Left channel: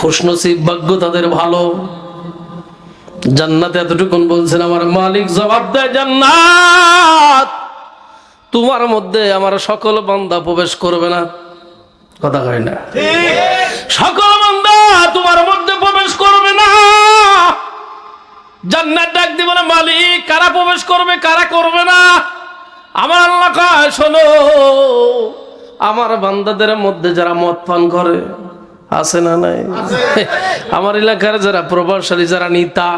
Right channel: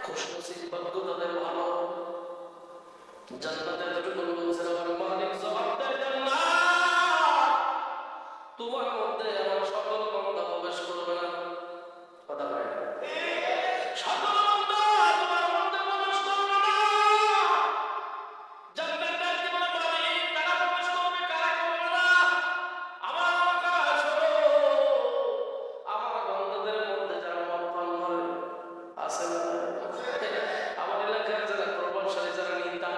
খুশনসিব ভাগ্য তাদের ভালো। জান্নাতে এতটুকুন বলছেন আমার মালিক জবাব দেয়, জান্নাত তোমার মধ্যে আমার সকল বান্দা প্রবেশ করবে না। কথা কয় না? সকল বান্দা তোমার মধ্যে প্রবেশ করবে না। জান্নাত ডাক দিব না, মালিক কারা প্রবেশ করবে কারা করবে না? আমার আল্লাহ কয়, শোনো, আমার বান্দাদের মধ্যে যারা মদ পান করে আছে না নাই? আমার এলাকার যারা প্রভাবশালী, যারা নেতা,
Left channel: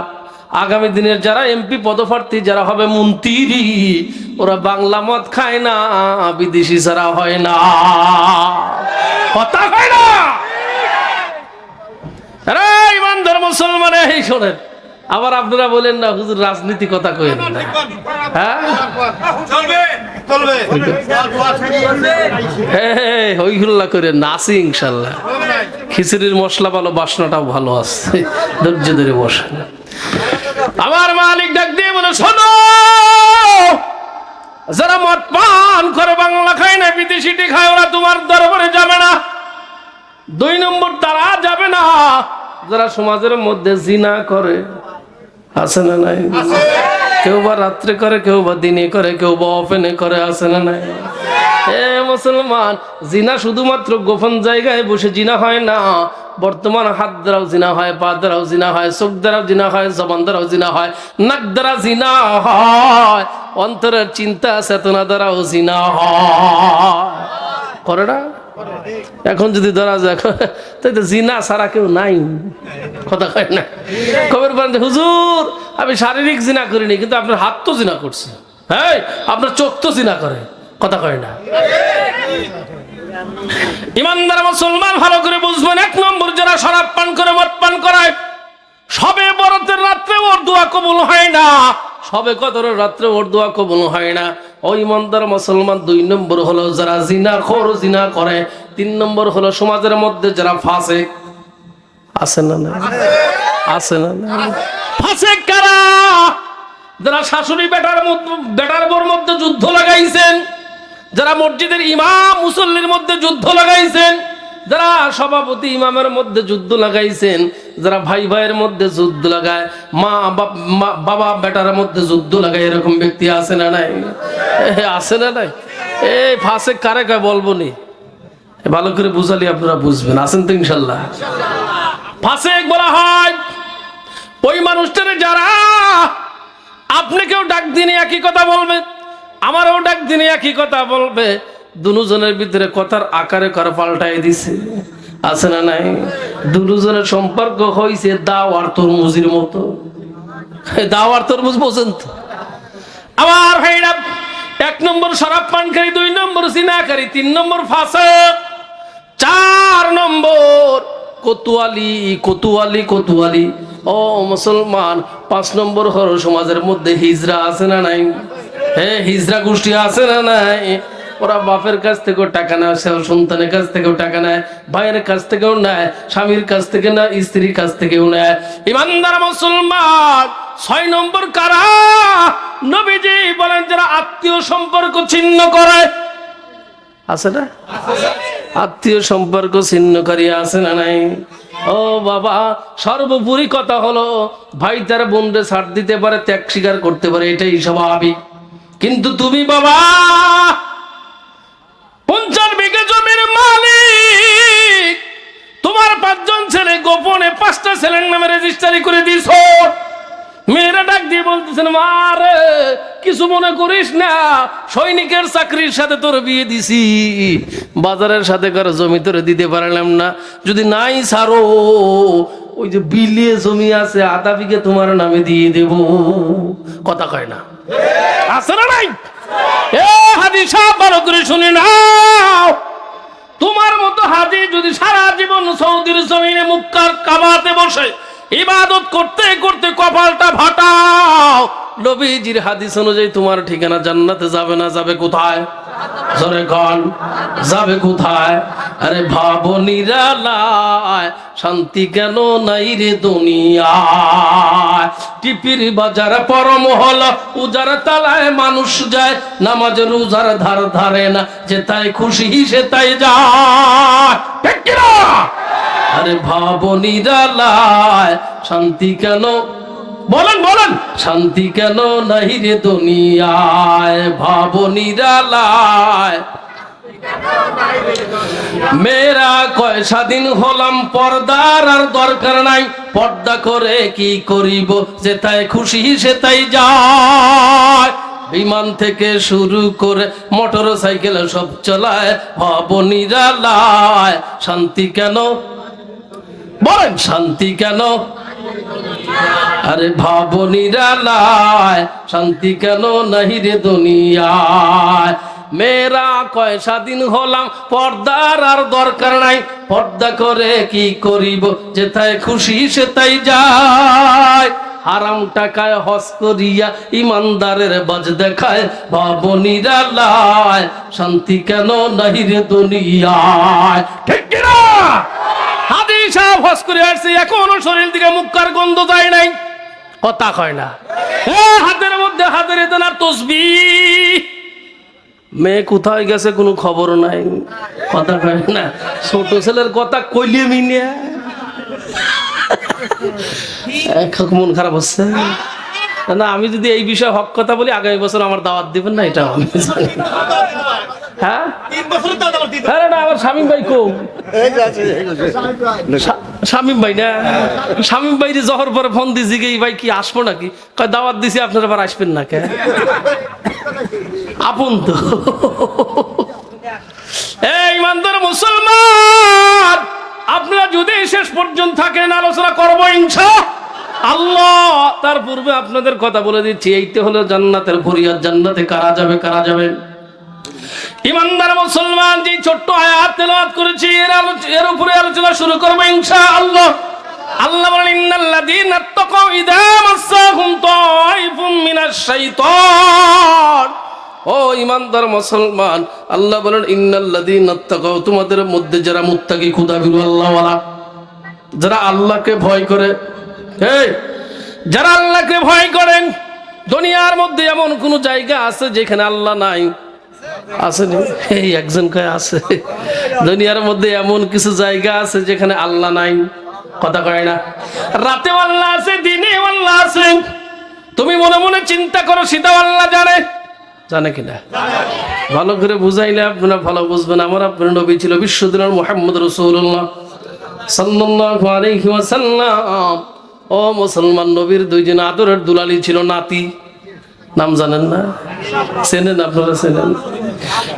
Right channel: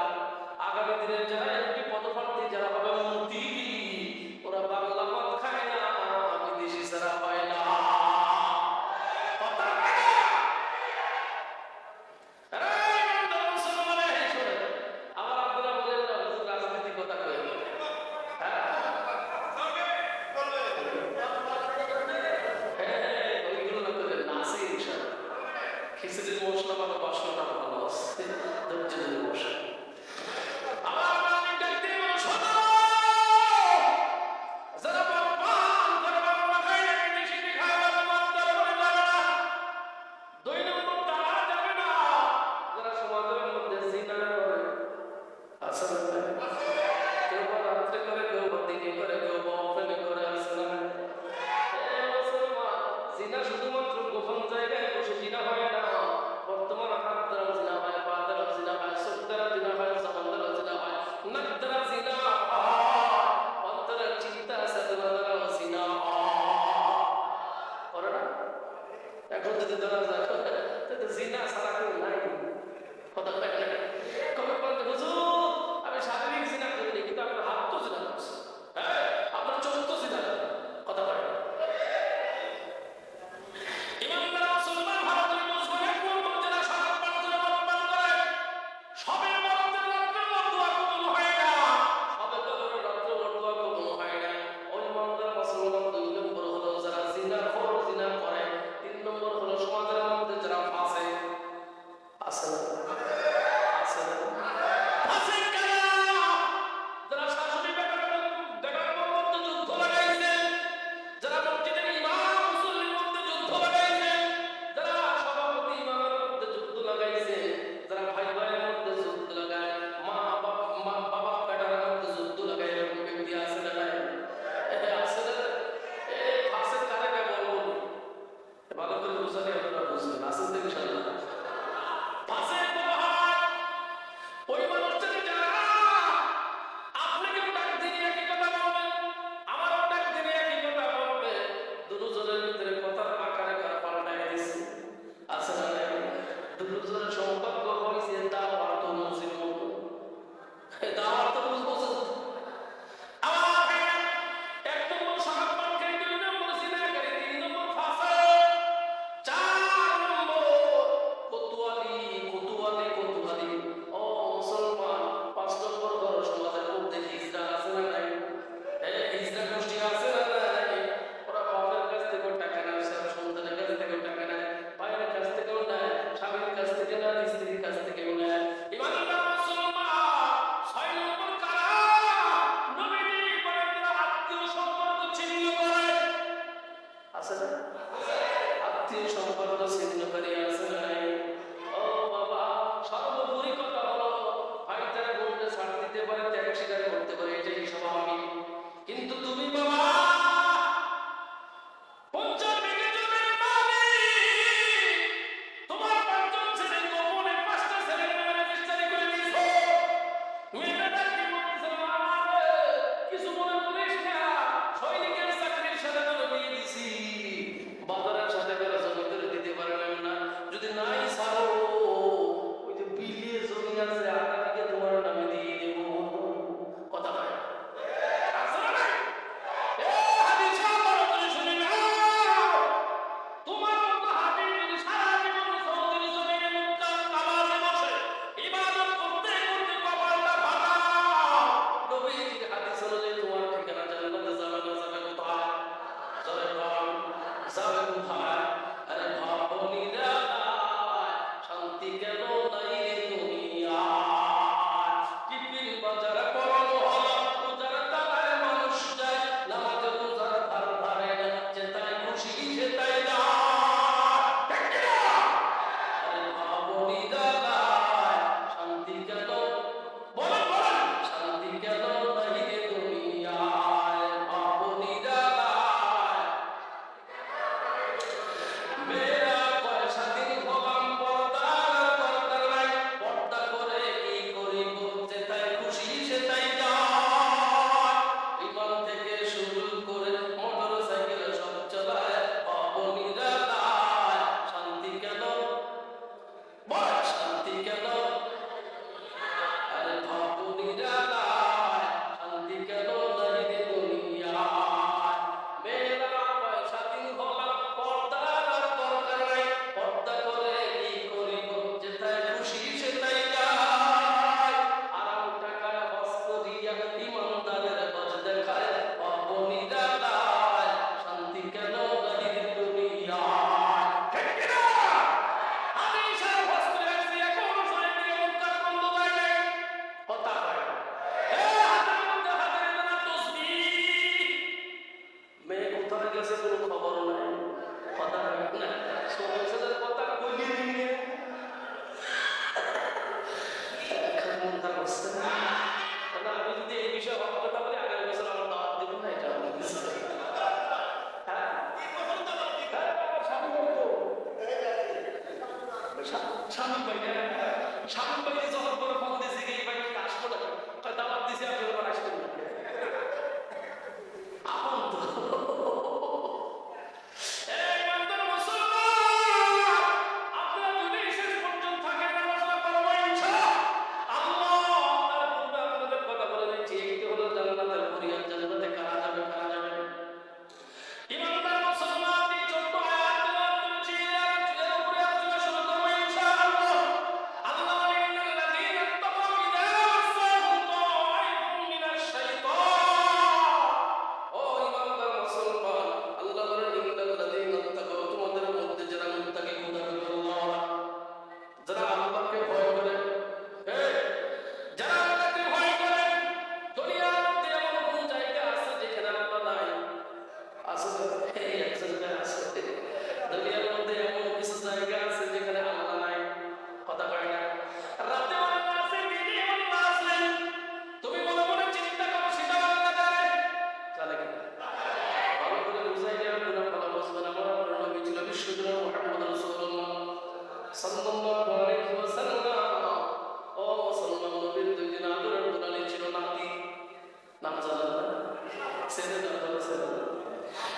আগামী দিনের যারা এমপি পদপ্রার্থী, যারা হবে মন্ত্রী, ওরা বাংলা মদ খায় না, বিদেশি ছাড়া হয় না। কথা হয় না? আরে ইমানদার মুসলমান, এই শোনেন, আবার আপনারা বলেন না হুজুর রাজনীতি কথা কইেন না। হ্যাঁ হইহুল্লা করে নাচি ইনশাল্লাহ। খিচুড়ির মশলা ভালো, বাসনাটাও ভালো আছে, ধৈর্য ধরে বসে। আমার মালিক ডাক দিয়ে বলে, শোনো, যারা মদ পান করে বাংলা খায় না, বিদেশিটি খায়, ওরা তোমার দরবারে যাবে না। 2 নম্বর, তারা যাবে না যারা সমাজের মধ্যে জিনা করে। আছে না নাই? কেউ বা রাত্রে করে, কেউ বা দিনে করে, কেউ বা ওপেনে করে। আছে না নাই? মুসলমান, জিনা শুধুমাত্র গোপন জায়গায় বসে জিনা হয় না। বর্তমান হাত দ্বারাও জিনা হয়, পা দ্বারাও জিনা হয়, চোখ দ্বারাও জিনা হয়, জবান দ্বারাও জিনা হয়, নাক দ্বারা জিনা হয়, অন্তরের চিন্তা চেতনা দ্বারাও জিনা হয়। করে না? এখন যদি ধরা যায়, তাই তো জিনা ছাড়া কেউ নাই। কথা কয় না? খবর পান, হুজুর আমি শারীরিক জিনা করিনি, কিন্তু আপনার হাত তো জিনা করছে, হ্যাঁ আপনার চোখ তো জিনা করে। কথা কয় না? ইমানদার মুসলমান ভালো করে বুঝবেন, 1 নম্বর, যারা শরাব পান করে, মদ পান করায়, সবে বরাতের রাত্রে ওর দোয়া কবুল হয় না, সবে কদরের রাত্রে ওর দোয়া কবুল হয় না। ওই ইমানদার মুসলমান 2 নম্বর হলো যারা জিনাখোর, জিনা করে। 3 নম্বর হলো সমাজের মধ্যে যারা ফাসিক। আছে না না? আছে না না? ফাসিক কারা? যারা শাশুড়ি বেটার বোর মধ্যে যুদ্ধ লাগাইছেন, যারা মসজিদের ইমাম মুসল্লির মধ্যে যুদ্ধ লাগাইছেন, যারা সভাপতি ইমামের মধ্যে যুদ্ধ লাগাইছেন, যারা ভাই ভাইয়ের মধ্যে যুদ্ধ লাগায়, মা বাবা বেটার মধ্যে যুদ্ধ লাগায়, এরকম ব্যক্তি আছে না নাই? আছে না নাই? এই ফাসিক কারে কয় বলবো নি, ভালো করে বুঝালি আপনারা বুঝবেন। আছেন তো ইনশাল্লাহ? ফাসিক বলা হয় ওই মানুষটারে যারা আপনাকেও ডাক দিনে একই কথা বলবে, আমারও ডাক দিনে একই কথা বলবে, দুজনের ভিতরে কথার আকারে কর পাল্টাই দিছে। আছে না নাই? দুজনের সম্পর্ক হয়েছে দাও আর তরমুজের মতো। দাও আর তরমুজ বোঝেন তো? আমার ভাইরা, 1 নম্বর শরাব পানকারী, 2 নম্বর জিনাকারী, 3 নম্বর ফাসিক, 4 নম্বর কোতোয়ালি, কোতোয়ালি, কোতোয়ালি। ও মুসলমান, 5 নম্বর হলো সমাজের মধ্যে হিজড়া। আছে না নাই? হ্যাঁ, হিজড়া গোষ্ঠী আছে না নাই? ওরা বাপের কাছ থেকেও টাকা নেয়, সন্তানের কাছ থেকেও টাকা নেয়, ভাইয়ের কাছ থেকেও নেয়, স্বামীর কাছ থেকে না, স্ত্রীর কাছ থেকেও নেয়। ইমানদার মুসলমান, 6 নম্বর কারা? নবীজি বলেন যারা আত্মীয় সম্পর্ক ছিন্ন করে। আছে না? আত্মীয় সম্পর্ক ছিন্নকারী আছে না নাই? ও বাবা, সর্বোপরি কথা হলো, ভাই তার বোনরে ছাড় দিতে পারে, ত্যাগ স্বীকার করতে পারে, এটাই স্বাভাবিক। কিন্তু তুমি বাবা 50 বিঘা জমির মালিক, তোমার 5 জন ছেলে, গোপনে 5টা ছেলের নামে রেজিস্ট্রি করে দিয়েছো। মেয়েরা ডাক দিয়ে বলতেছেন, মারে কিছু মনে করিস না, সৈনিকের চাকরির সাথে তোর বিয়ে দিছি, বাজারের সাথে কারো জমি তোরে দিতে পারলাম না, যদি নাই ছাড়ো, ওই যে বিলিয়ে জমি আছে, 1/2 বিঘা তোমার নামে দিয়ে দেব। কথা কয় না? আছে না নাই? এ হাজি সাহেব, ভালো করে শুনে নাও, তোমার মতো হাজি যদি সারা জীবন সৌদির জমিনে মুক্কার কাবাতে বসে ইবাদত করতে করতে কপালটা ফাটাও, নবীজির হাদিস অনুযায়ী তোমার ঠিকানা জান্নাতে যাবে না, যাবে কোথায়? জোরে কন, যাবে কোথায়? আরে ভাবো নিরালায়, শান্তি কেন নাই রে দুনিয়ায়? টিপির বাজার পরম হল উজার তালায় মানুষ যায়, নামাজের উজার ধার ধারে না, যে তাই খুশি সে তাই যায়। ঠিক কি না? আরে ভাবো নিরালায় শান্তি কেন, বলেন বলেন, শান্তি কেন নাই রে দুনিয়ায়, ভাবো নিরালায়। মেয়েরা কয় স্বাধীন হলাম, পর্দার আর দরকার নাই, পর্দা করে কি করিব, যেথায় খুশি সেটাই যায়। বিমান থেকে শুরু করে মোটর সাইকেল সব চলায়, ভাবো নিরালায় শান্তি কেন, বলেন শান্তি কেন, আরে ভাবো নিরালায় শান্তি কেন নাহি রে দুনিয়ায়। মেয়েরা কয় স্বাধীন হলাম, পর্দার আর দরকার নাই, পর্দা করে কি করিব, যেথায় খুশি সেটাই যায়। হারাম টাকায় হজ করিয়া ইমানদারের বাজ দেখায়, ভাবো নিরালায় শান্তি কেন নাহি রে দুনিয়ায়। ঠিক কিনা? হাদি সাহেব হজ করে আসছে, এখনো শরীর দিকে মুক্কার গন্ধ যায় নাই, কথা কয় না। হাতের মধ্যে হাতের এতেন আর তসবিহ, মেয়ে কোথায় গেছে কোনো খবর নাই, কথা কয় না। ছোট ছেলের কথা কইলে মিনিয়া মন খারাপ হচ্ছে না। আমি যদি এই বিষয়ে হক কথা বলি, আগামী বছর আমার দাওয়াত দিবেন না, এটা আমি জানি। হ্যাঁ আমার শামীম ভাই কো, শামীম ভাই না, শামীম ভাই জহর পরে ফোন দিছি গে, ভাই কি আসবো নাকি, কয় দাওয়াত দিছি আপনারা আবার আসবেন না কে, আপন তো। এই ইমানদার মুসলমান, আপনারা যদি শেষ পর্যন্ত থাকেন, আলোচনা করবো ইনশাআল্লাহ। তার পূর্বে আপনাদের কথা বলে দিচ্ছি, এইটা হলো জান্নাতের ফরিয়াদ। জান্নাতে কারা যাবে, কারা যাবে? ইমানদার মুসলমান, যে ছোট্ট আয়াত তেলাওয়াত করেছি, এর উপরে আলোচনা শুরু করবো ইনশাআল্লাহ। আল্লাহ বলেন, ইন্নাল্লাযীনা তাকাউ ইযা মাসসাহুম তাইফুম মিনাশ শাইতান। ও ইমানদার মুসলমান, আল্লাহ বলেন ইন্নাল্লাযীনা তাকাউ, তোমাদের মধ্যে যারা মুত্তাকি, খুদাবিরু আল্লাহওয়ালা, যারা আল্লাহকে ভয় করে, এই যারা আল্লাহকে ভয় করেন। দুনিয়ার মধ্যে এমন কোন জায়গা আছে যেখানে আল্লাহ নাই? আছে? এই একজন কয় আছে। দুনিয়ার মধ্যে এমন কিছু জায়গা আছে যেখানে আল্লাহ নাই, কথা কয় না। রাতে আল্লাহ আছে, দিনে আল্লাহ আছে। তুমি মনে মনে চিন্তা করো, সেটা আল্লাহ জানে, জানে কিনা? ভালো করে বুঝাইলে আপনারা ভালো বুঝবেন। আমার আপনার নবী ছিল বিশ্বদিনের মুহাম্মদ রাসূলুল্লাহ সাল্লাল্লাহু আলাইহি ওয়াসাল্লাম। ও মুসলমান, নবীর দুইজন আদরের দুলালি ছিল, নাতি। নাম জানেন না? চেনেন? আপনারা চেনেন?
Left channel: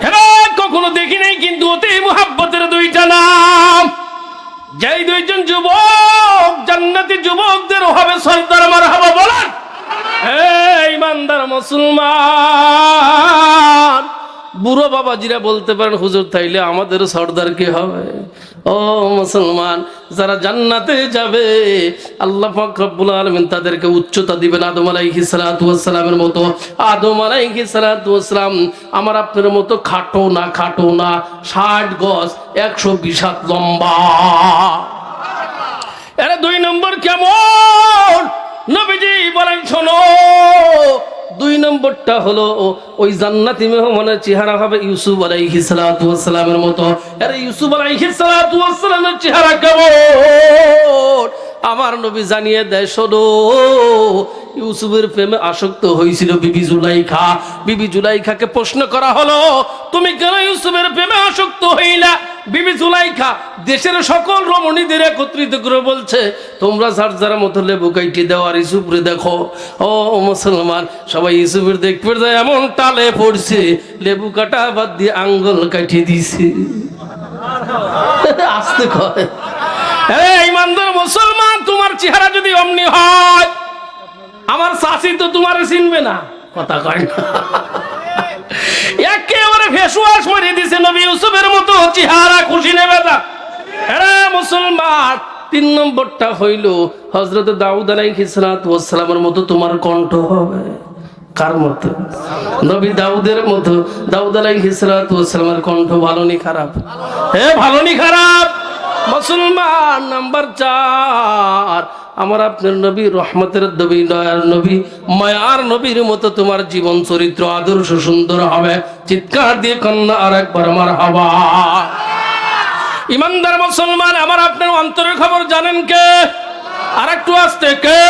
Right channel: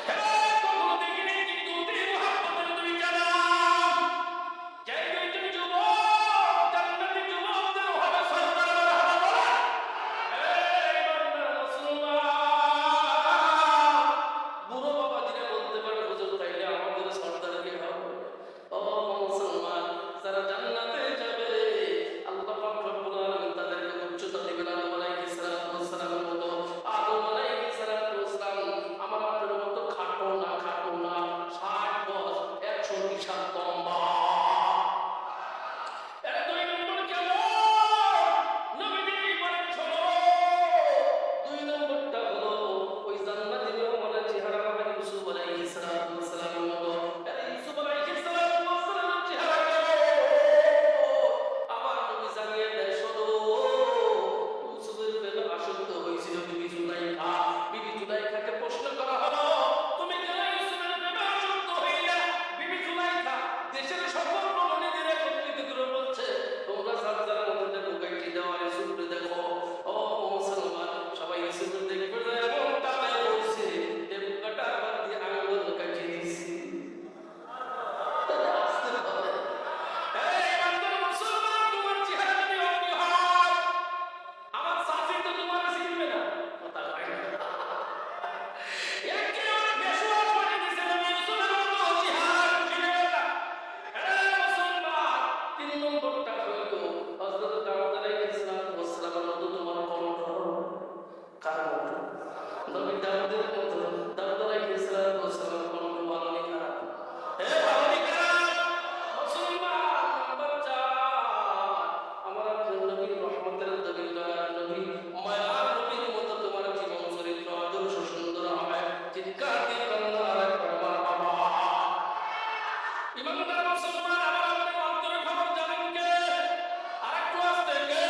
হ্যাঁ, কখনো দেখি নাই, কিন্তু অতি মুহাব্বতের দুইটা নাম। যেই দুইজন যুবক, জান্নাতি যুবকদের হবে সরদার, মারহাবা বলেন। এই ইমানদার মুসলমান, বুড়ো বাবাজিরা বলতে পারেন, হুজুর তাইলে আমাদের সর্দার কি হবে? ও মুসলমান, যারা জান্নাতে যাবে, আল্লাহ পাক রব্বুল আলামিন তাদেরকে উচ্চতা দিবেন আদম আলাইহিস সালাতু ওয়াস সালামের মতো। আদম আলাইহিস সালাতু ওয়াস সালাম আমার আপনার মতো খাটো না, খাটো না, 60 গজ 120 হাত লম্বা। এরা 2 নম্বর কেমন? নবীজি বলেন, শোনো, 2 নম্বরটা হলো ওই জান্নাতি মেহমানের চেহারা হবে ইউসুফ আলাইহিস সালাতু ওয়াস সালামের মতো। আরে ইউসুফ আলাইহিস সালাতু ওয়াস সালামের চেহারা কেমন? আমার নবী জানিয়ে দেয়, শোনো, ইউসুফের প্রেমে আসক্ত হয়েছিল বিবি জুলাইখা। বিবি জুলাইখাকে প্রশ্ন করা হলো, তুমি কেন ইউসুফের প্রেমে আসক্ত হইলা? বিবি জুলাইখা দেশের সকল রমণীদের একত্রিত করে বলছে, তোমরা যার যার মতো লেবু কাইটি দাও, আর ইউসুফরে দেখো। ও মুসলমান, সবাই ইউসুফের দেখতে যায়, এমন টালে পড়ছে, লেবু কাটা বাদ দিয়ে আঙ্গুল কাটি দিছে। আসতে কয়, ইমানদার মুসলমান, তোমার চেহারা যদি অমনি হয়, আমার চাচি তো তোমার চিনবে না, কথা কয় না। একেবারে ফেসওয়াশ করে দিছে নবী ইউসুফের মতো চেহারা, খুশি নেবে না। হ্যাঁ মুসলমান, 3 নম্বরটা হইল হযরত দাউদ আলাইহিস সালাতু ওয়াস সালামের মতো তোমার কণ্ঠ হবে। কার মতো? নবী দাউদের মতো। দাউদ আলাইহিস সালাতু ওয়াস সালামের কণ্ঠ ভালো নি খারাপ? হ্যাঁ, ভালো নি খারাপ? মুসলমান, নাম্বার 4, আমার আপনার নবী রহমতের নবী, দয়ার নবী, মায়ার নবীর মতো তোমার জীবন চরিত্র আদর্শ সুন্দর হবে। চিৎকার দিয়ে কন্যা আর একবার মারহাবা। ইমানদার মুসলমান, আমার আপনার অন্তরের খবর জানেন কে? আর একটু আসতে কে?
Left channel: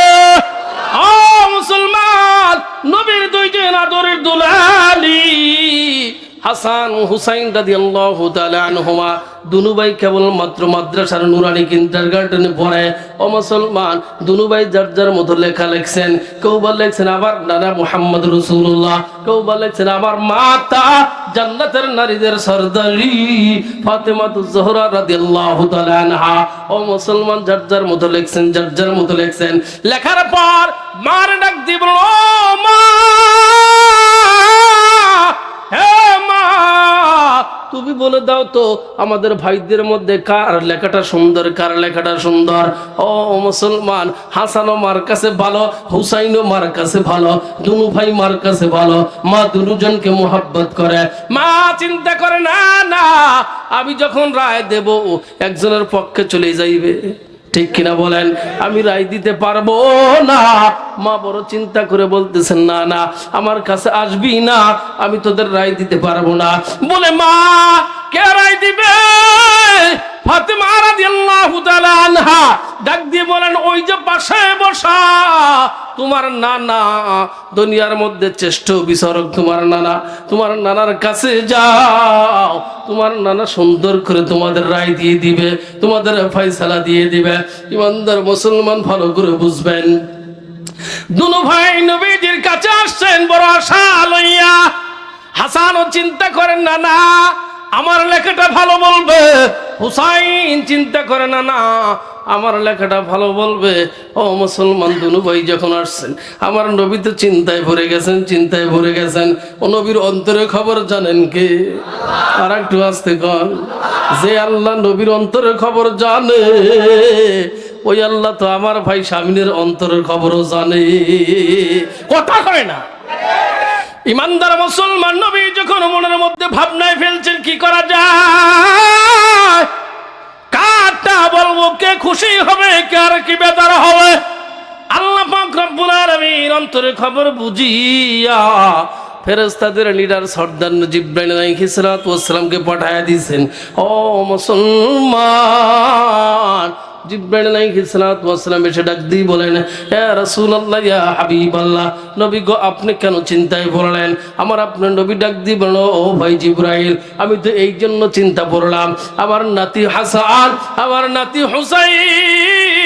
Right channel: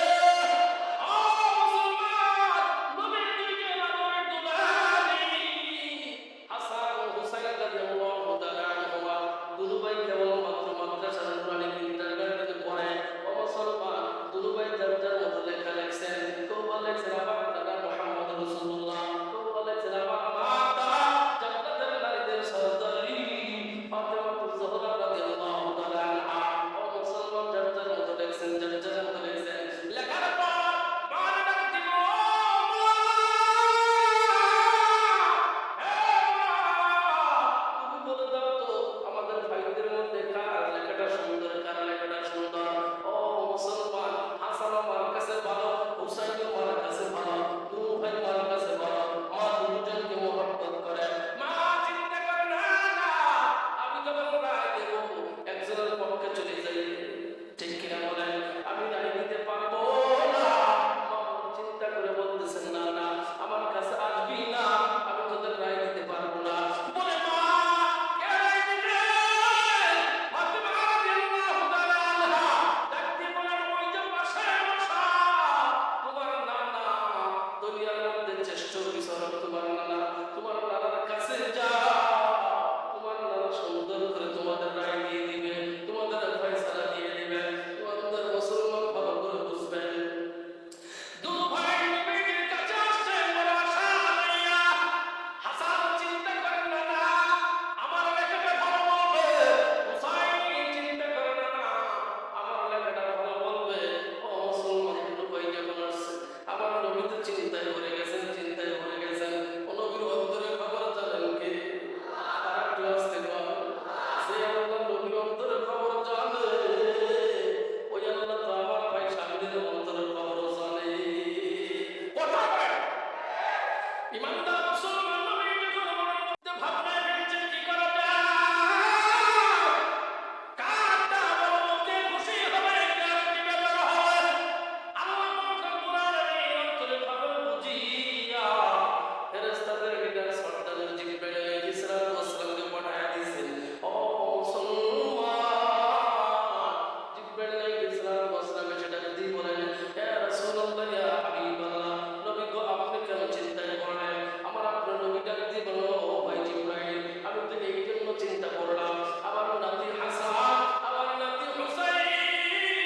ও মুসলমান, নবীর দুইজন আদরের দুলালি হাসান হুসাইন রাদিয়াল্লাহু তাআলা আনহুমা দুনু ভাই কেবলমাত্র মাদ্রাসার নুরানি কিন্ডারগার্টেনে পড়ে। ও মুসলমান, দুনু ভাই যার যার মতো লেখা লিখছেন। কেউ বা লিখছেন আমার নানা মুহাম্মদ রাসূলুল্লাহ, কেউ বা লিখছেন আমার মাতা জান্নাতের নারীদের সরদারি ফাতেমাতুজ জোহরা রাদিয়াল্লাহু তাআলা আনহা। ও মুসলমান, যার যার মতো লিখছেন, যার যার মতো লিখছেন। লেখার পর মার ডাক দিব, ও মা, হে মা, তুমি বলে দাও তো আমাদের ভাইদের মধ্যে কার লেখাটা সুন্দর, কার লেখাটা সুন্দর? ও মুসলমান, হাসানও মার কাছে ভালো, হুসাইনও মার কাছে ভালো, দুনু ভাই মার কাছে ভালো। মা দুজনকে মোহাব্বত করে। মা চিন্তা করে না না, আমি যখন রায় দেব একজনের পক্ষে চলে যাইবে, ঠিক কিনা বলেন? আমি রায় দিতে পারবো না। মা বড় চিন্তা করে বলতেছেন না না, আমার কাছে আসবি না, আমি তোদের রায় দিতে পারবো না। বলে মা কে রায় দিবে? ফাতেমা রাদিয়াল্লাহু তাআলা আনহা ডাক দিয়ে বলেন, ওই যে পাশে বসা তোমার নানা, দুনিয়ার মধ্যে শ্রেষ্ঠ বিচারক তোমার নানা, তোমার নানার কাছে যাও, তোমার নানা সুন্দর করে তোমাদের রায় দিয়ে দিবে, তোমাদের ফয়সালা দিয়ে দিবে। ইমানদার মুসলমান, ভালো করে বুঝবেন, দুনু ভাই নবীজির কাছে আসছেন বড় আশা লইয়া। হাসানও চিন্তা করেন না না আমার লেখাটা ভালো বলবে, হুসাইন চিন্তা করে না না আমার লেখাটা ভালো বলবে। ও মুসলমান, দুনু ভাই যখন আসছেন, আমার নবী তো চিন্তায় ভরে গেছেন, চিন্তায় ভরে গেছেন। ও নবীর অন্তরে খবর জানেন কে? আর একটু আসতে কন, যে আল্লাহ নবীর অন্তরে খবর জানে, ওই আল্লাহ তো আমার ভাই স্বামীর অন্তরের খবরও জানে। কথা কয় না? ইমানদার মুসলমান, নবী যখন মনের মধ্যে ভাবনায় ফেলছেন কি করা যায়, কারটা বলবো, কে খুশি হবে, কার কি বেজার হবে, আল্লাহ পাক রব্বুল আলামিন অন্তরের খবর বুঝিয়া ফেরেশতাদের লিডার সর্দার জিবরাইল আলাইহিস সালাতু ওয়াস সালামকে পাঠায়া দিয়েছেন। ও মুসলমান, জিবরাইল আলাইহিস সালাতু ওয়াস সালাম এসে ডাক দিয়ে বলেন, হে রাসূলুল্লাহ, ইয়া হাবিবাল্লাহ, নবী গো, আপনি কেন চিন্তায় পড়লেন? আমার আপনার নবী ডাক দিয়ে বলল, ও ভাই জিবরাইল, আমি তো এই জন্য চিন্তা পড়লাম, আমার নাতি হাসান, আমার নাতি হুসাইন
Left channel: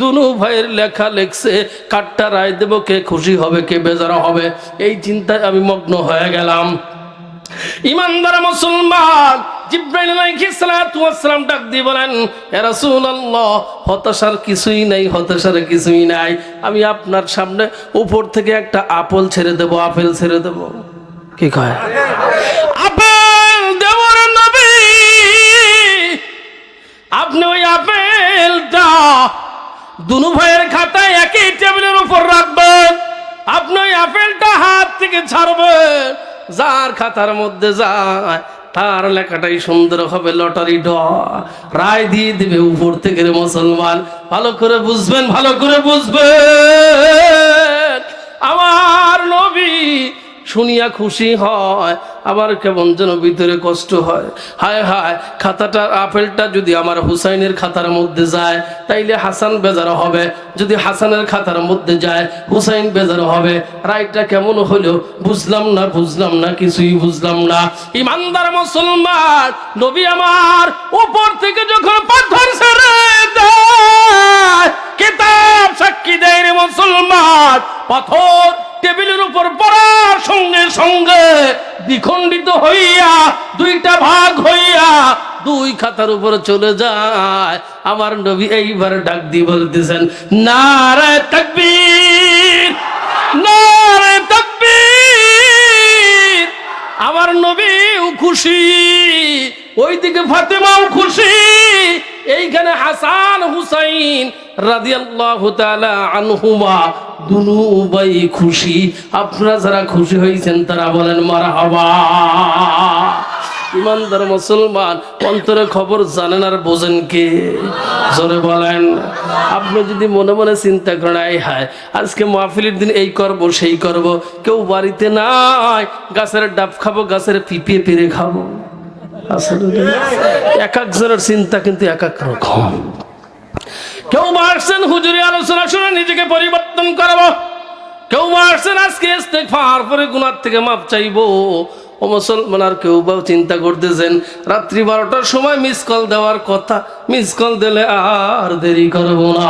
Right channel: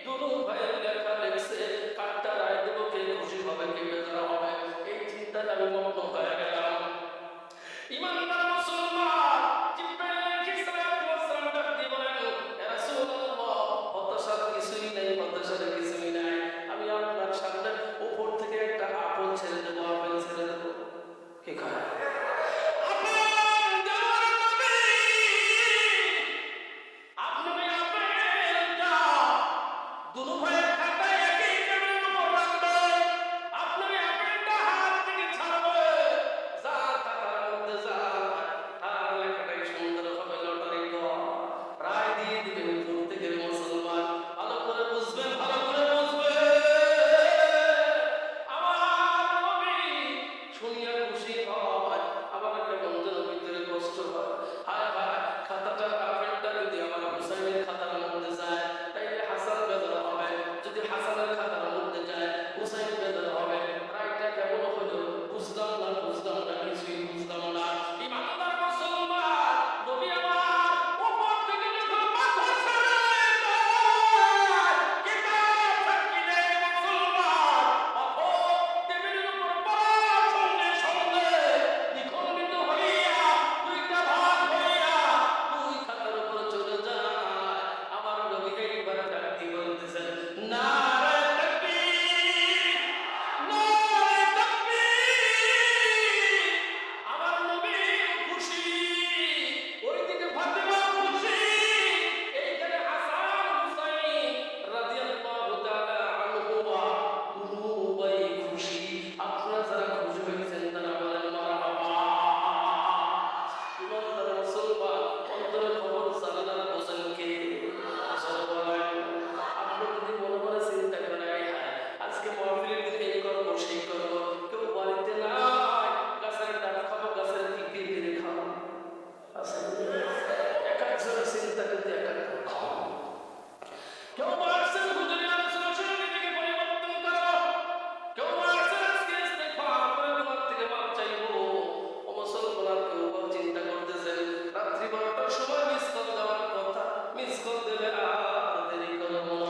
দুনু ভাইয়ের লেখা লেখছে, কাটটা রায় দেব, কে খুশি হবে, কে বেজার হবে, এই চিন্তায় আমি মগ্ন হয়ে গেলাম। ইমানদার মুসলমান, জিবরাইল আলাইহিস সালাতু ওয়াস সালাম ডাক দিয়ে বলেন, হে রাসূলুল্লাহ, হতাশার কিছুই নাই, হতাশার কিছুই নাই। আমি আপনার সামনে উপর থেকে একটা আপেল ছেড়ে দেব, আপেল ছেড়ে দেব। কি কয়? আপেল দেব রে নবী। আপনি ওই আপেলটা দুনু ভাইয়ের খাতায় একই টেবিলের উপর রাখবেন। আপনি ওই আপেলটা হাত থেকে ছাড়বেন, যার খাতার মধ্যে যায় তার লেখাটাই সুন্দর হবে, লটারি ড রায় দিয়ে দিবে উপর থেকে। রে মুসলমান, ভালো করে বুঝবেন, ভালো করে বুঝবেন। আমার নবী শুনিয়া খুশি হয়, আবার কেমন যেন ভিতরে কষ্ট হয়। হায় হায়, খাতাটা, আপেলটা যদি আমার হুসাইনের খাতার মধ্যে যায় তাইলে হাসান বেজার হবে, যদি হাসানের খাতার মধ্যে যায় হুসাইন বেজার হবে। রায়টা কেমন হলো বুঝলাম না, বুঝলাম না, কিছুই বুঝলাম না। ইমানদার মুসলমান, নবী আমার উপর থেকে যখন পাথর ছেড়ে দেয়, কিতাব সাক্ষী দেয় রে মুসলমান, পাথর টেবিলের উপর পড়ার সঙ্গে সঙ্গে দ্বিখণ্ডিত হইয়া, দুইটা ভাগ হইয়া দুই খাতার উপর চলে যায়। আমার নবী এইবার ডাক দিয়ে বলতেছেন, নারে তাকবীর, নারে তাকবীর। আমার নবীও খুশি, ওইদিকে ফাতেমাও খুশি, এইখানে হাসান হুসাইন রাদিয়াল্লাহু তাআলা আনহুমা দুনু ভাই খুশি। আপনারা যারা খুশি হয়েছেন তারা বলেন মারহাবা। ইমানদার মুসলমান, অন্তরে খবর জানেন আর বোঝেন কে? জোরে বলেন। আপনি যদি মনে মনে চিন্তা করেন, এই হায় আজকে মাহফিলের দিন এই করব সেই করব, কেউ বাড়িতে নাই, গাছের ডাব খাবো, গাছের পিপিয়ে পেরে খাবো, আসলে এক একজনের চিন্তা কিন্তু এক এক রকম। কেউ আসছেন হুজুরি আলোচনা শুনে নিজেকে পরিবর্তন করবো, কেউ আসছেন আজকে ইস্তেগফার পরে গুনাহ থেকে মাপ চাইবো। ও মুসলমান, আর কেউ বা চিন্তা করতেছেন রাত্রি 12টার সময় মিস কল দেওয়ার কথা, মিস কল দিলে আর দেরি করবো না।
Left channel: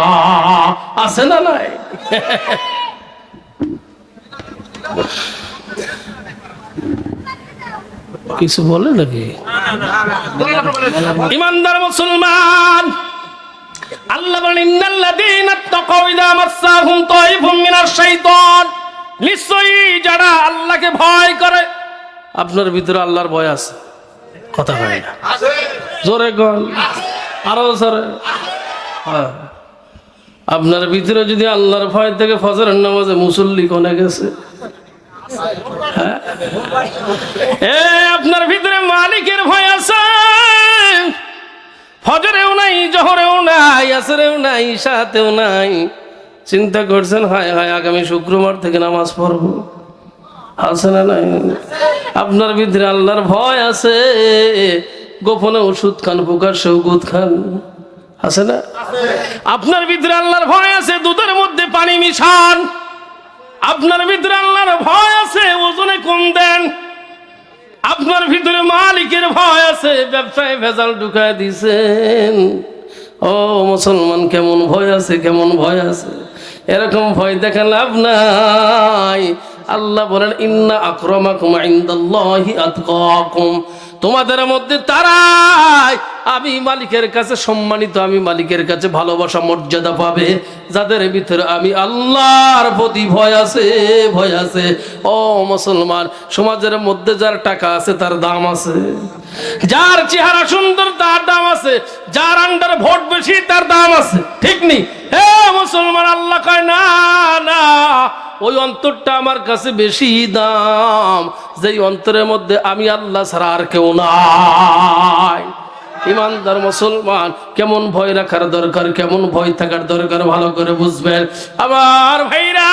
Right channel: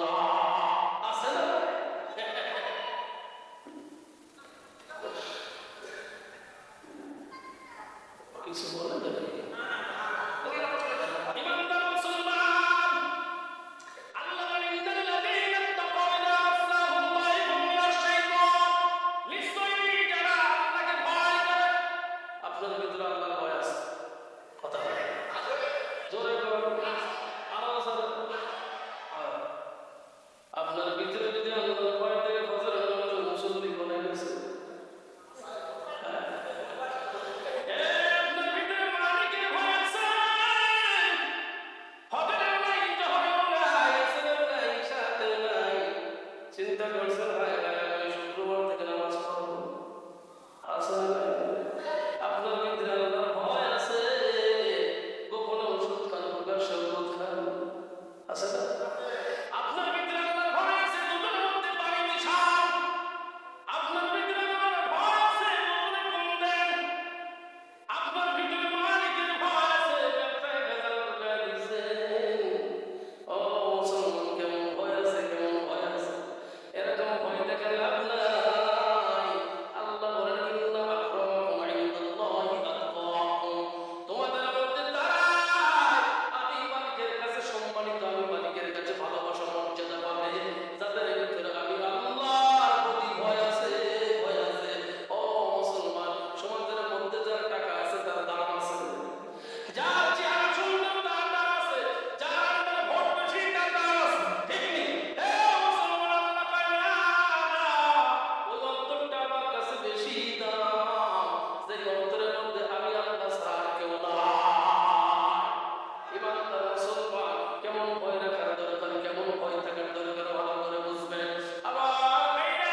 আছে না নাই? কিছু বলে নাকি? ইমানদার মুসলমান, আল্লাহ বলেন ইন্নাল্লাযীনা তাকাউ ইযা মাসসাহুম তায়িফুম মিনাশ শাইতান, নিশ্চয়ই যারা আল্লাহকে ভয় করে। আপনার ভিতরে আল্লাহর ভয় আছে? কথা হয় না, জোরে বল, আরো জোরে। হ্যাঁ, আপনার ভিতরে যদি আল্লাহর ভয় থেকে ফজরের নামাজে মুসল্লি কোনে গেছে? আপনার ভিতরে মালিকের ভয় আছে, ফজরেও নাই, জোহরেও নাই, আসরেও নাই, ইশাতেও নাই। চিন্তা করছেন হায় হায় আগামী শুক্রবার থেকে নামাজ পড়বো, আছে না নাই? আপনার ভিতরে আল্লাহর ভয় আছে, গোপনে ওষুধ খান, প্রকাশ্যে ওষুধ খান, আছে না? আপনার ভিতরে আল্লাহর ভয় আছে, দুধের মধ্যে পানি মিশান। আপনার ভিতরে আল্লাহর ভয় আছে, ওজনে কম দেন। আপনার ভিতরে মালিকের ভয় আছে, ব্যবসায় ভেজাল ঢুকায় দিছেন। ও মুসলমান, কেমন ভয় আছে, কেমন ভয় আছে? এরকম ভয় দেখা লাভ নাই। আল্লাহ বলেন ইন্না আকরামাকুম ইনদাল্লাহি আতকাকুম, তোমাদের মধ্যে তারাই আমি মালিকের কাছে সম্মানিত, আমি মালিকের কাছে ভালোবাসা মর্যাদা পাবে যাদের ভিতরে আমি আল্লাহর প্রতি ভয় আছে, ভয় আছে। ও মুসলমান, সমাজের মধ্যে যার টাকা আছে তার দাম আছে, যার চেহারা সুন্দর তার দাম আছে, যার আন্ডার ভোট বেশি তার দাম আছে, ঠিক নেই? হে মুসলমান, আল্লাহ কয় না না, ওই অন্তরটা আমার কাছে বেশি দাম, যেই অন্তরের মধ্যে আমি আল্লাহ ছাড়া আর কেউ নাই। ইমানদার মুসলমান, কেমন ভয় রাখার দরকার, কেমন ভয় থাকার দরকার ভালো করে বুঝবেন আমার ভাইরা।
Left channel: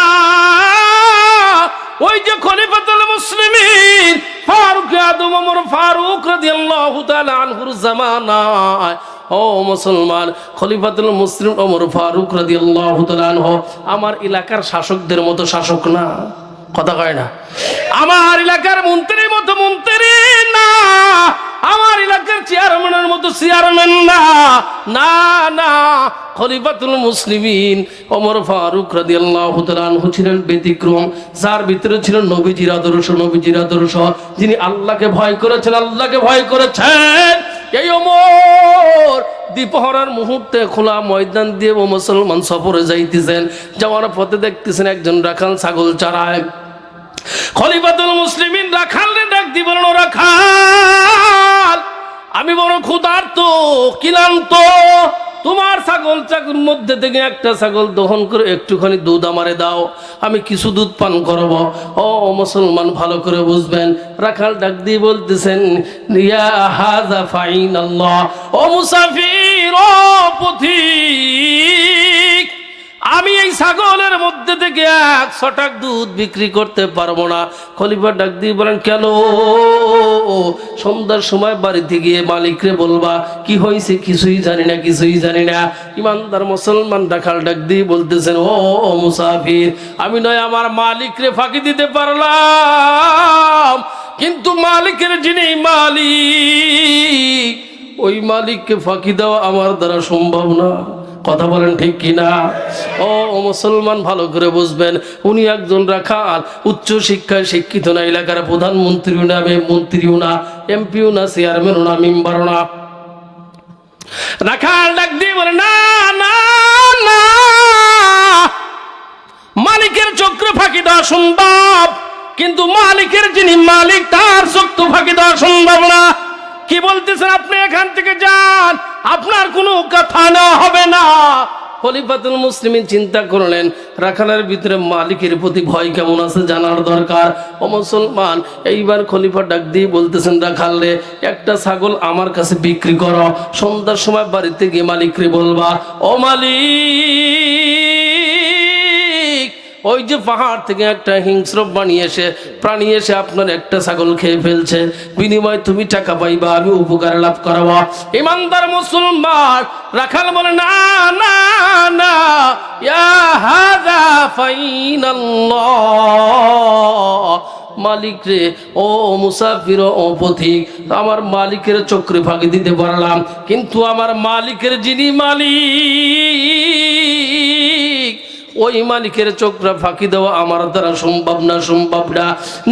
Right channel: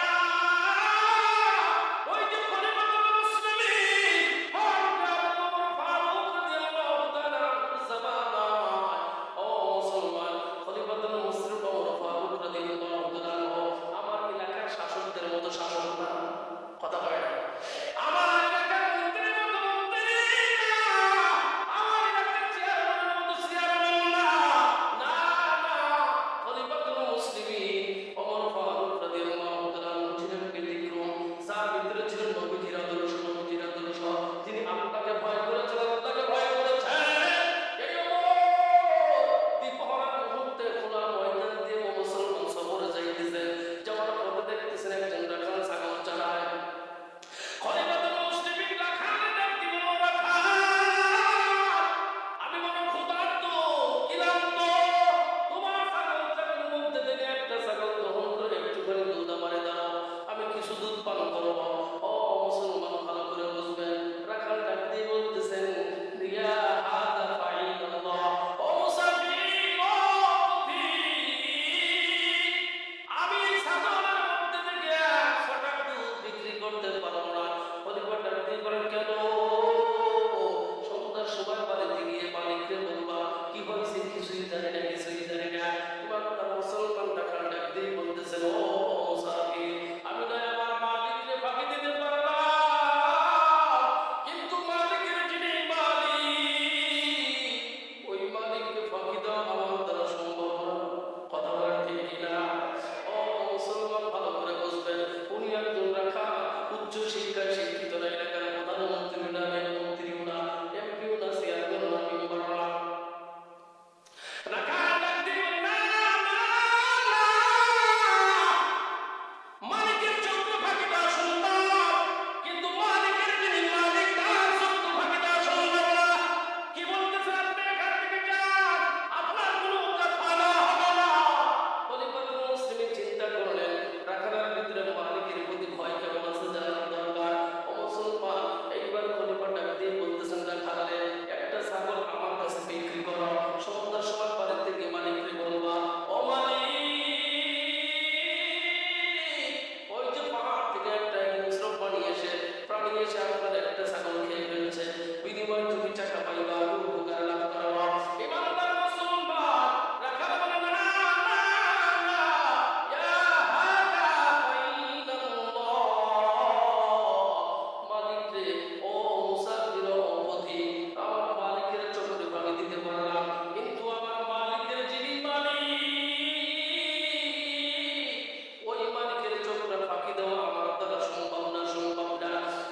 ওই যে খলিফাতুল মুসলিমিন ফারুক আদম ওমর ফারুক রাদিয়াল্লাহু তাআলা আনহুর জামানায়, ও মুসলমান, খলিফাতুল মুসলিম ওমর ফারুক রাদিয়াল্লাহু তাআলা আনহু আমার এলাকার শাসকদের মতো শাসক না, কথা কয় না। আমার এলাকার মন্ত্রীর মতো মন্ত্রী না, আমার এলাকার চেয়ারম্যানের মতো চেয়ারম্যান না, না না। খলিফাতুল মুসলিমিন ওমর ফারুক রাদিয়াল্লাহু তাআলা আনহু ছিলেন ব্যতিক্রম, যার ভিতরে ছিল নবীজির আদর্শ, নবীজির আদর্শ। যিনি আল্লাহকে ভয় করেছেন, আল্লাহকে ভয় করেছেন। এই ওমর দ্বিপহরের মুহূর্তে খোলা ময়দান দিয়ে ও মুসলমান সফরে যাইতেছেন, যাওয়ার পথে দেখতেছেন একজন রাখাল ছাগল চড়ায়। খলিফাতুল মুসলিমিন রাখালরে ডাক দিয়ে বলেন, ও রাখাল, আমি বড় ক্ষুধার্ত, ক্লান্ত, তোমার ছাগল চাকুর মধ্যে থেকে একটা ছাগল দহন করে একটুখানি দুধ আমারে দাও, আমি কিছু দুধ পান করব। ও মুসলমান, ভালো করে বুঝবেন, রাখাল ডাক দিয়ে বলতেছেন, ইয়া হাযা ফাইনাল্লাহ, ও মুসাফির, ও পথিক, আমি এই ছাগলের মধ্যে থেকে 100 টাকা দুধ বিক্রি করতে পারবো না। খলিফা ডাক দিয়ে বলেন, কেন? সন্ধ্যার সময় বাড়িতে গিয়ে মালিকরে বলবা কি হয়েছে, কিছুই জানি না, কিছুই জানি না। ইমানদার মুসলমান রাখাল ডাক দিয়ে বলতেছেন, ও মুসাফির, আমি নয় আমার মালিকরে ফাঁকি দিতে পারলাম, কিন্তু মালিকের যিনি মালিক, ওই মালিককে ফাঁকি দেওয়া আমার দ্বারা সম্ভব না। কথা বলেন ঠিক কিনা? ও মুসলমান, ভালো করে বুঝবেন, উনি একজন রাখাল, উচ্চ শিক্ষায় শিক্ষিত না, এলাকার প্রধানমন্ত্রীও না, মন্ত্রীও না, এমপিও না, চেয়ারম্যানও না, মেম্বারও না। রাখাল ডাক দিয়ে বলে, না না না, মালিকের চক্রে ফাঁকি দেওয়া সম্ভব, কিন্তু মালিকের যিনি মালিক তার চক্র ফাঁকি দেওয়া সম্ভব না। কি বলতেছেন আপনি? এখান থেকে যান, আপনার কোনো কথা না হবে না। খলিফাতুল মুসলিমিন চিন্তা করলেন, রাখালের ভিতরে মালিকের প্রতি ভয় কেমন আছে জানার দরকার। ও মুসলমান, এইবার খলিফা ডাক দিয়ে বলতেছেন, রাখালে একটা ছাগল আমার কাছে বিক্রি করো, সন্ধ্যার সময় বাড়িতে গিয়ে মালিকরে বলবা, ও মালিক, ওই যে পাহাড় থেকে একটা হিংস্র প্রাণী এসে আপনার একটা ছাগল খেয়ে ফেলছে, বিনিময়ে তুমি টাকা পাইবা, আমি উপকার লাভ করাবো। ইমানদার মুসলমান রাখাল বলে না না না, ইয়া হাযা ফাইনাল্লাহ, মালিক রে, ও মুসাফির, ও পথিক, আমার মালিকের চক্রে ফাঁকি দিতে পারলাম, কিন্তু আমার মালিকের যিনি মালিক, ওই মালিকের চক্রে ফাঁকি দেওয়া আমার দ্বারা সম্ভব না, সম্ভব না।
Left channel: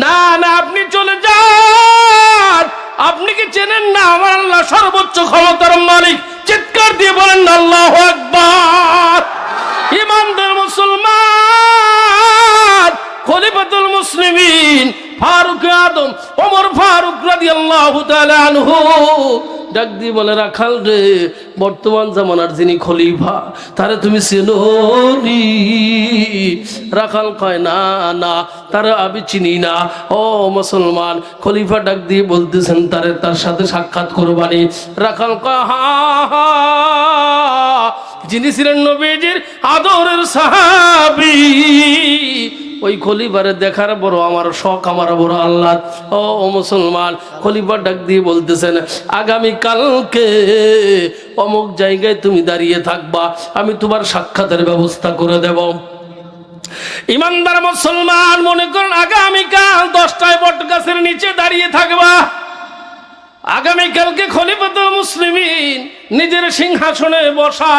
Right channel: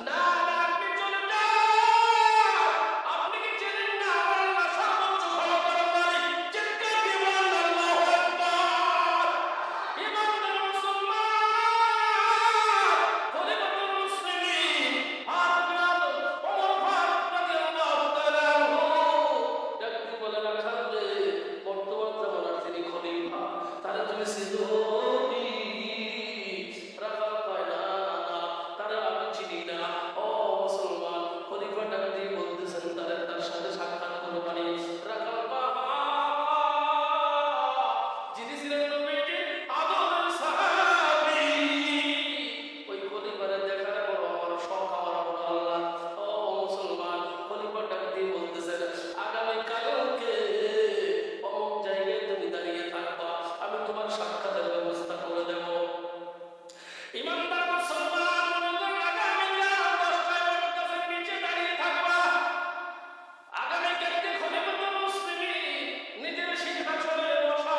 না না, আপনি চলে যান, আপনি কি চেনেন না আমার আল্লাহ সর্বোচ্চ ক্ষমতার মালিক? চিৎকার দিয়ে বলেন না আল্লাহু আকবার। ইমানদার মুসলমান, খলিফাতুল মুসলিমিন ফারুক আদম ওমর ফারুক রাদিয়াল্লাহু তাআলা আনহু ডাক দিয়ে বলে, রাখাল রে, বর্তমান জামানার যিনি খলিফা তারে তুমি চেনো নি? রাখাল কয় না না, তারে আমি চিনি না। ও মুসলমান, খলিফা ডাক দিয়ে বলতেছেন তারে তার সাথে সাক্ষাৎ করবানি। রাখাল কয় হা হা, যিনি ছিলেন নবীজির আদরের সাহাবী, ওই খলিফারে দেখার বড় আমার শখ, আমার বড় আল্লাহ। ও মুসলমান, খলিফা ডাক দিয়ে বলতেছেন, আগামী কালকে অমুক জায়গায় তুমি দাঁড়িয়ে থাকবা, আমি তোমার সাক্ষাতের ব্যবস্থা করে দেব। ইমানদার মুসলমান, মনে করেন আগামীকাল 10টায় বট গাছের নিচে দাঁড়িয়ে থাকবা। আগামীকালকে খলিফাতুল মুসলিমিন নিজের সিংহাসনে বসা।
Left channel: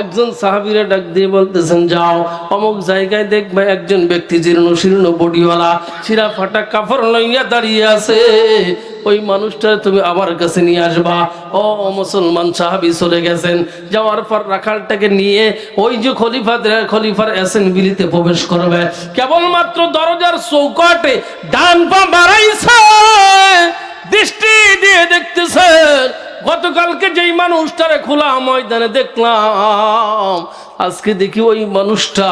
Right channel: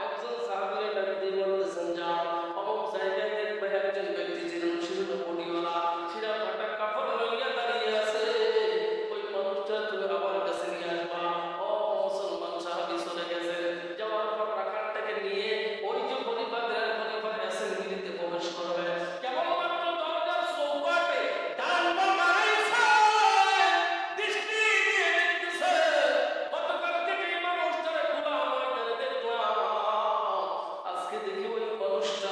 একজন সাহাবীরা ডাক দিয়ে বলতেছেন, যাও অমুক জায়গায় দেখবে একজন ব্যক্তি জীর্ণ শীর্ণ বডিওয়ালা, ছিঁড়া ফাটা কাপড় লইয়া দাঁড়িয়ে আছে, ওই মানুষটা তুমি আমার কাছে নিয়ে আসবা। ও মুসলমান, সাহাবী চলে গেছেন। যাওয়ার পর রাখালটাকে নিয়ে ওই যে খলিফার অ্যাসেম্বলিতে প্রবেশ করবে, কেবলমাত্র দরজার চৌকাটে ডান পা বাড়াইছে, দৃষ্টি দিয়ে দেখতেছেন গতকালকে যেই মানুষটারে খোলা ময়দানে দেখলাম, আজকে দেখি ওই মানুষটা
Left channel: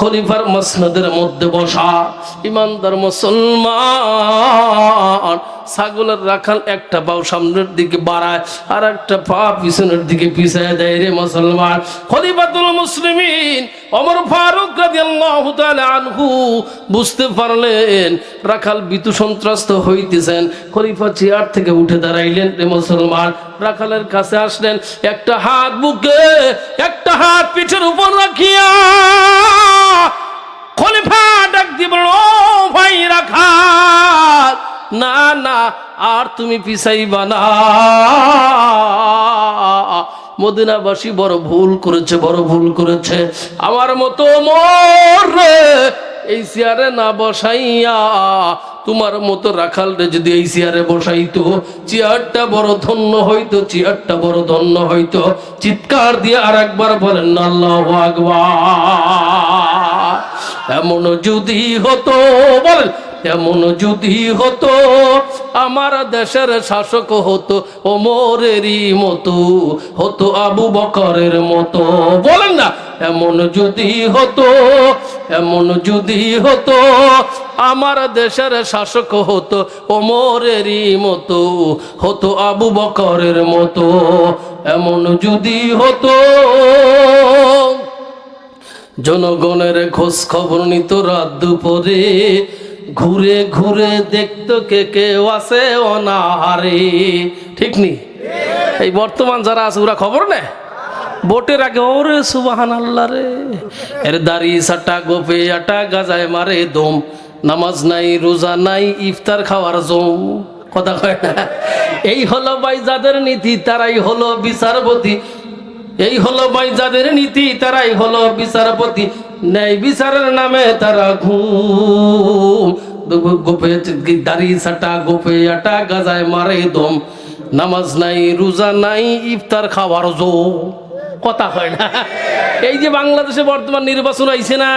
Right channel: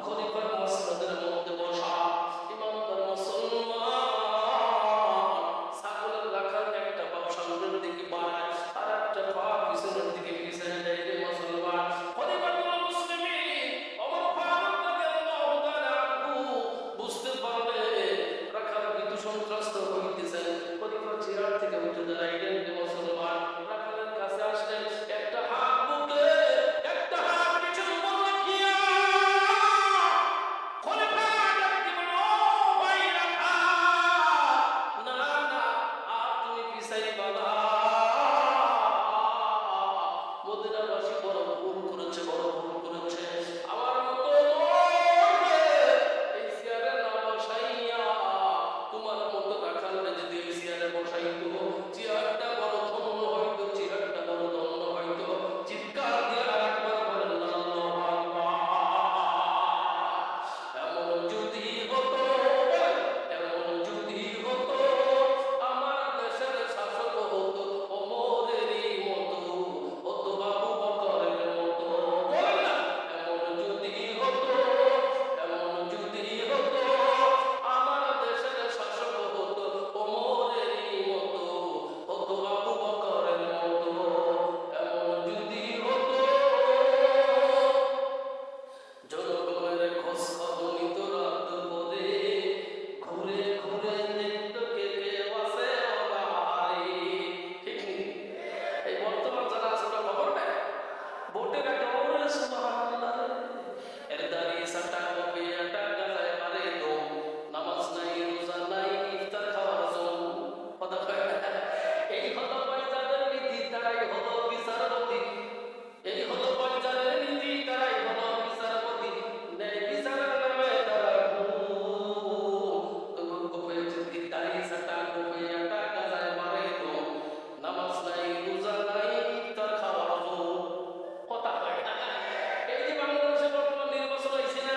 খলিফার মসনদের মধ্যে বসা। ইমানদার মুসলমান, ছাগলের রাখাল একটা পাও সামনের দিকে বাড়ায় আর একটা পা পিছনের দিকে পিছায় দেয় রে মুসলমান। খলিফাতুল মুসলিমিন ওমর ফারুক রাদিয়াল্লাহু তাআলা আনহু বুঝতে পারলেন রাখাল ভীতু সন্ত্রস্ত হইতেছেন। খলিফা চেয়ার থেকে উঠে দাঁড়াইলেন রে মুসলমান, রাখালের কাছে আসলেন, একটা হাত বুকে একটা হাত পিঠের উপর রাখিয়া খলিফা ডাক দিয়ে বলল, ও ভাই রাখাল, না না আর তুমি পিছাইবা না, মদিনাবাসী বড় ভুল করেছে, বড় ভুল করেছে। আমার মতো মোরে এই চেয়ারে না বসাইয়া তোমার মতো রাখাল রে যদি এই চেয়ারে বসাইতো, চেয়ারটা বড় ধন্য হইতো, চেয়ারটা বড় ধন্য হইতো। চিৎকার দিয়ে আর একবার বলেন না আল্লাহু আকবার। এমন যদি হতো, বলেন এমন যদি হতো, আমার দেশের শাসক হতো ওমরেরই মতো, হতো আবু বকরের মতো। বলেন না, এমন যদি হতো, এমন যদি হতো, আমার দেশের শাসক হতো ওমরেরই মতো, হতো আবু বকরের মতো। এমন যদি হতো, জনগণের খোঁজ খবর নিত রাত দুপুরে, ঘুরে ঘুরে দেখতো কে কেউ আছে অনাহারে। ঠিক নি? এই বর্তমান যারা আছে ওরা খবর নেয় ভোটের আগে, ওরে সুবহানাল্লাহ রে, এর দাড়ি সাটা গোপে আটা গাজায় মারে দম, নামাজ নাই রোজা নাই ইফতার খাওয়ার জম। কথা কয় না? এই হলো ভাই যাদের নীতি, তারাই হলো বিচারপতি। এই হলো ভাই যাদের নীতি, তারাই হলো বিচারপতি। ন্যায় বিচারের নামে তারা ঘুম, গোপে দাড়ি সাটা গোপে আটা গাজায় মারে দম, নামাজ নাই রোজা নাই ইফতার খাওয়ার জো। কথা হয় না? এই যে বাংলাদেশে বর্তমান নির্বাচন আইছে না,